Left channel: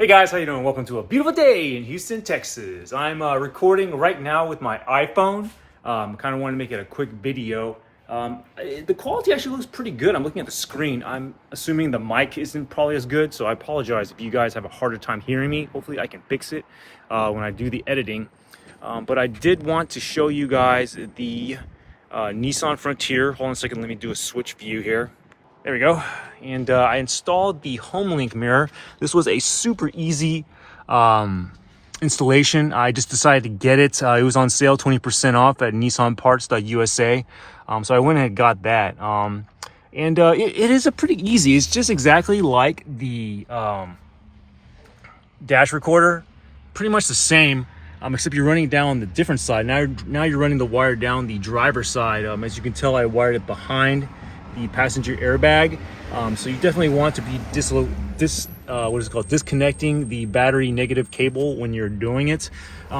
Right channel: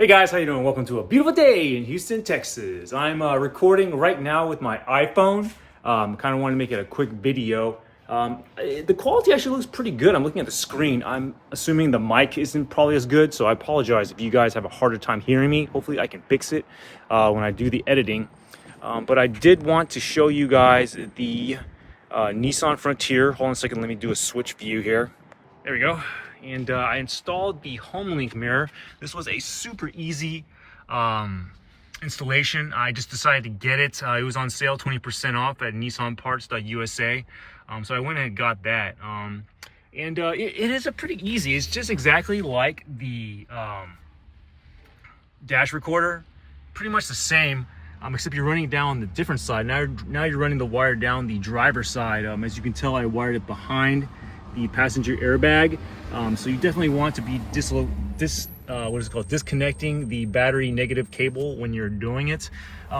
Hey guys, how you doing? Welcome to a beautiful day in Houston, Texas. I'm recording right now with my iPhone. Kind of want to make it a quick video. The quality actually looks pretty good. I'm looking at the screen. I'm assuming the mic isn't probably as good, so I apologize if you guys have a harder time hearing me. Hopefully I can fix it when I do the editing. But I did want to show you guys the Nissan Frontier. Hold on a second, let me do a switch view here. There we go. And I installed the Homelink mirror. This was a super easy installation. I just decided to get it. It was on sale, 20% off at nissanparts.usa. So I went ahead and got that. It is a pretty easy. It's just exactly like the dash recorder. Pretty much the same, except you're running down the different side. Now you're running the wire down the driver's side. As you can tell, I wired it behind the passenger airbag. So you definitely want to be disconnecting the battery negative cable when you're doing it.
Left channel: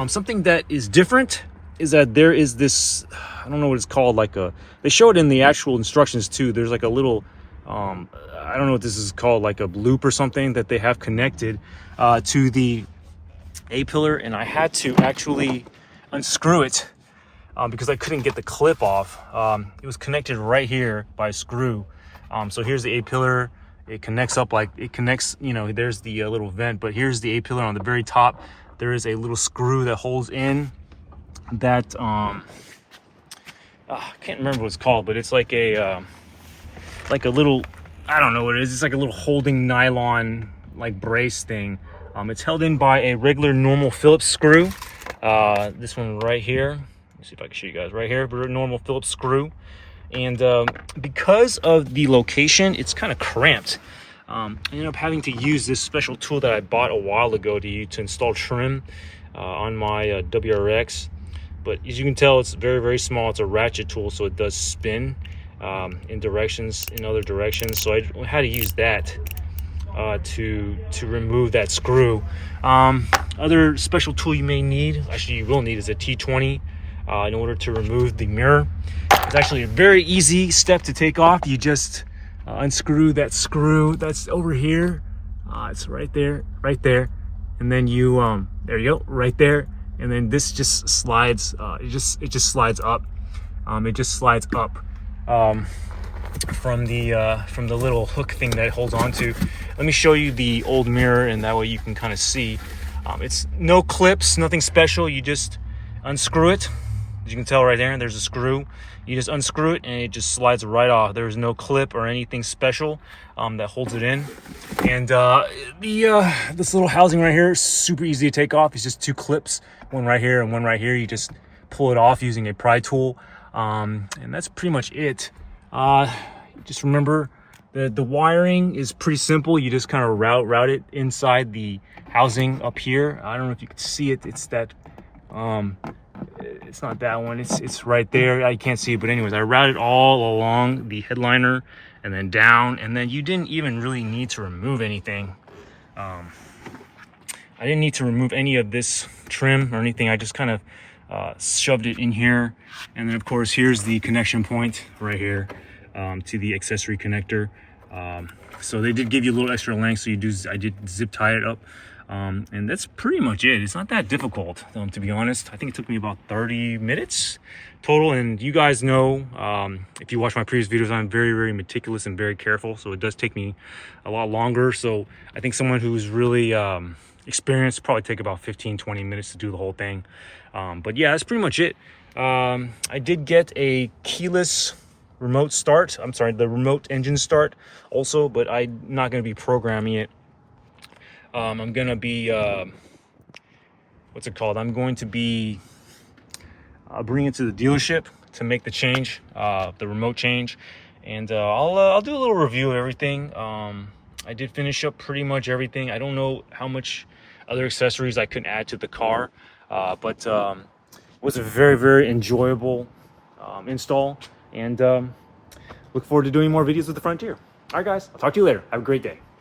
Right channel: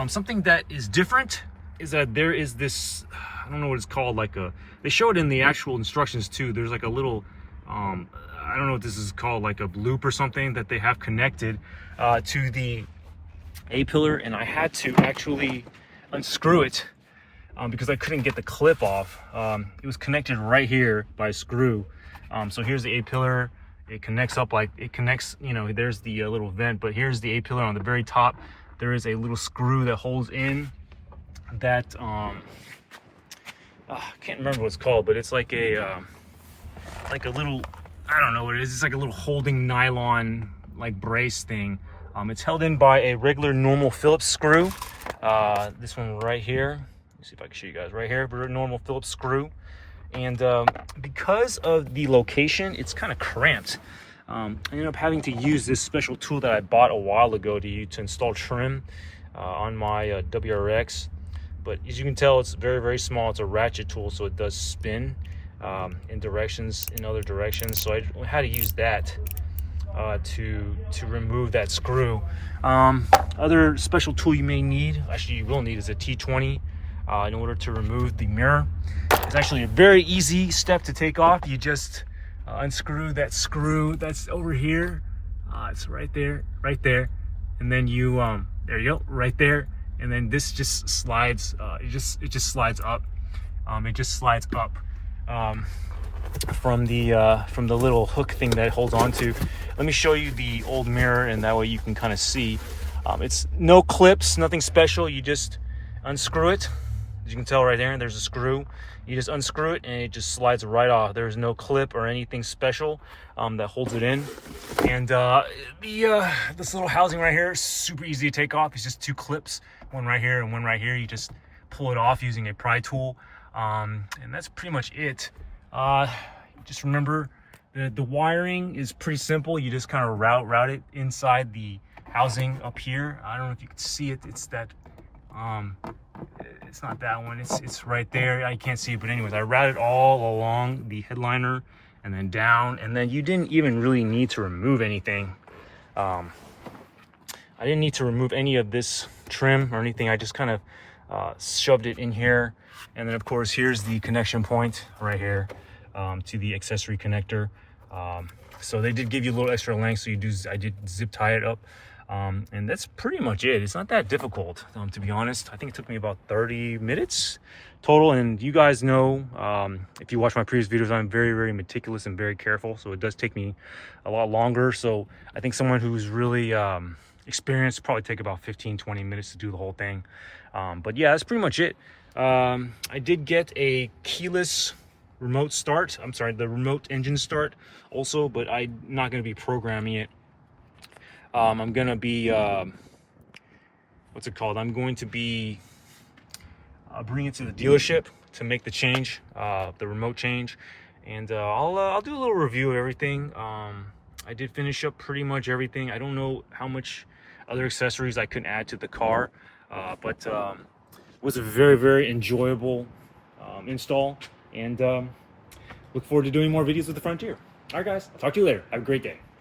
Something that is different is that there is this, I don't know what it's called, they show it in the actual instructions too. There's like a little, I don't know what this is called, like a loop or something that they have connected to the A-pillar, and I had to actually unscrew it because I couldn't get the clip off. It was connected right here by a screw. So here's the A-pillar. It connects up, there's the little vent, but here's the A-pillar on the very top. There is a little screw that holds in that, I can't remember what it's called, but it's like a little, I don't know what it is. It's like a little holding nylon, brace thing. It's held in by a regular normal Phillips screw. This one right here. Let's see if I can show you guys right here, but a normal Phillips screw. And because of the location, it's kind of cramped. I ended up having to use this special tool that I bought a while ago to install trim on my WRX. But as you can tell, it's very, very small. It's a ratchet tool, so it does spin in other directions. So I had to use that to remove that screw. Other special tool you may need, actually you will need, is a T20 in order to remove the mirror. It's actually a very easy step to take off. You just unscrew that screw that's over here. It's right there, and then you there you go, right there. And then this just slides. It just slides up. It just slides up from the little hook thing that it holds on to. Let me show you the old mirror, and that way you can kind of see. It's no clips, nothing special. You just unscrew it. As you can tell right there, there's a screw. You just unscrew it and it just slides right off. There's no clip or anything special that holds it in. And this little housing right here is super easy to take off. It's just two clips, one right here and one right here. You just pull it off using a pry tool, and that's pretty much it. Just remember the wiring is pretty simple. You just kind of route it inside the housing up here. I don't know if you can see it. It's that it's not that one, it's right there. I can't see it, but anyways, I routed all along the headliner and then down, and then you didn't even really need to remove anything. I didn't need to remove any of this trim or anything. I just kind of shoved it in here, and then of course here's the connection point right here to the accessory connector. So they did give you a little extra length, so I did zip tie it up. And that's pretty much it. It's not that difficult, to be honest. I think it took me about 30 minutes total. And you guys know, if you watch my previous videos, I'm very, very meticulous and very careful. So it does take me a lot longer. So I think someone who's really experienced probably take about 15-20 minutes to do the whole thing. But yeah, that's pretty much it. I did get a keyless remote start. I'm sorry, the remote engine start also, but I'm not going to be programming it. I'm gonna be what's it called? I'm going to be bringing it to the dealership to make the change, the remote change, and I'll do a little review of everything. I did finish up pretty much everything. I don't know how much other accessories I could add to the car, but it was a very, very enjoyable install, and look forward to doing more videos with the Frontier. All right, guys, I'll talk to you later. Have a great day.